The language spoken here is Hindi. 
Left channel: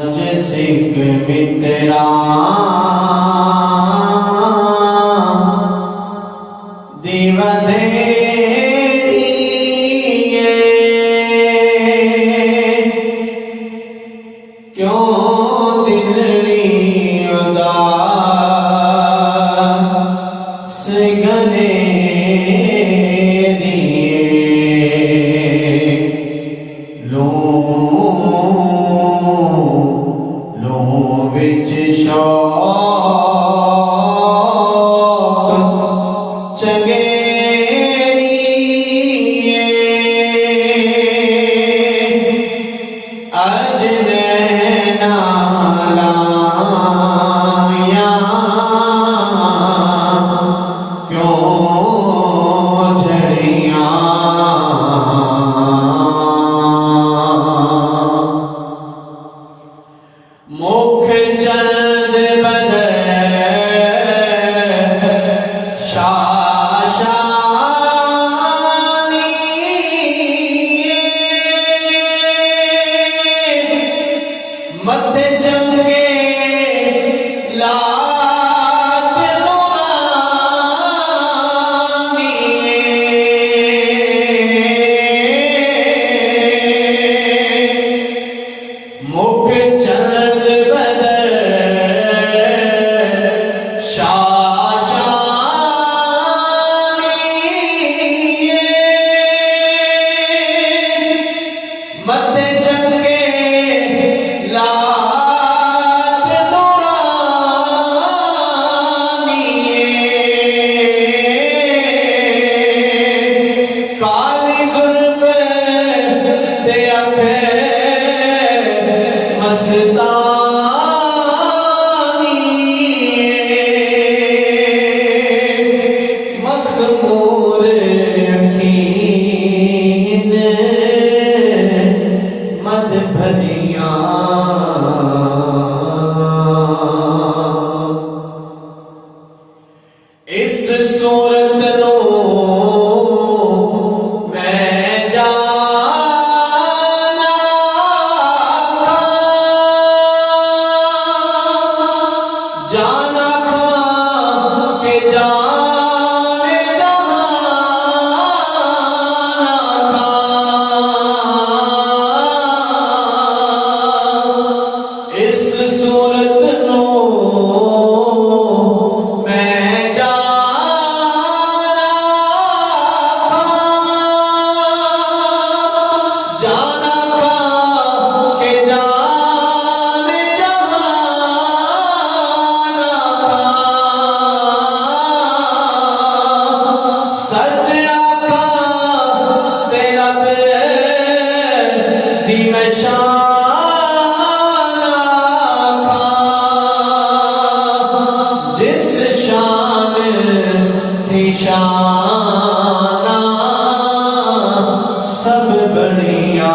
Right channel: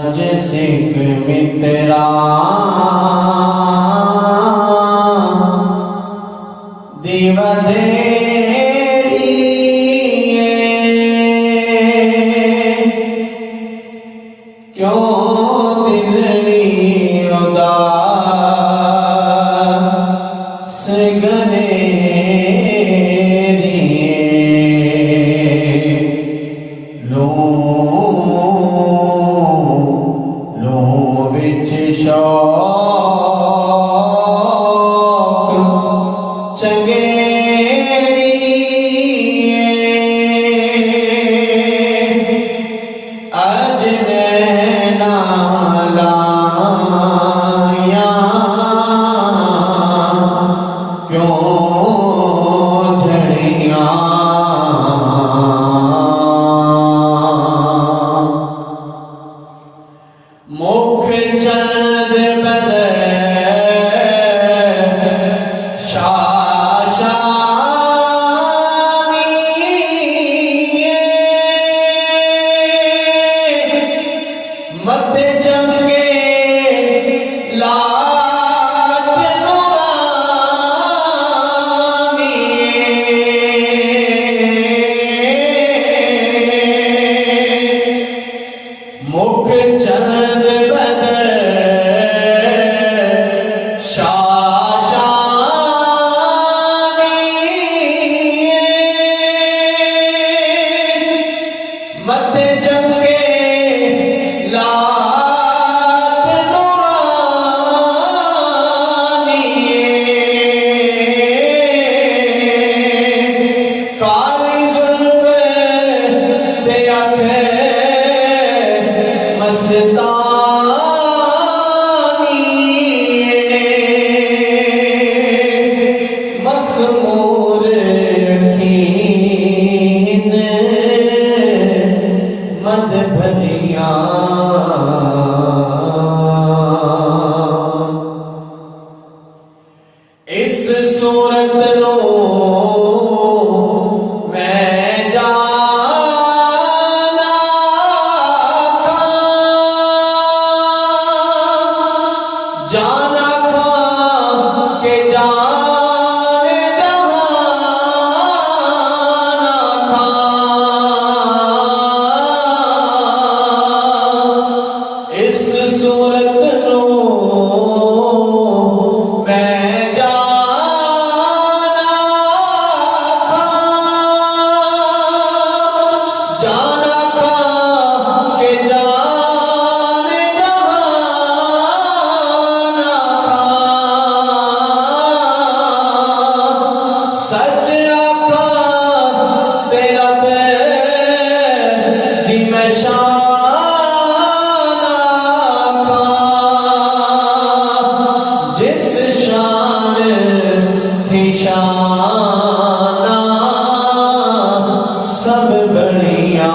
सिख मित्रा दीवा देरिए क्यों दिलनी उदास गनेरिए लो विच शौक चंगेरिए अज नैना लाया क्यों झड़ियां मुख चंद बदर शाशानी मत चमके लाट नुरानी मुख चंद बदर शाशानी मत चमके लाट नुरानी काली जुल्फ ते अखे मस्तानी मखमूर अखीन मद भरियां इस सूरत नो मैं जाना जाना खां के जाने जहाना खां इस सूरत नो मैं जाना खां के जाने जहाना खां सच आखा तेरा दी मैं शान आखा जिस शान थी शान सब बढ़िया।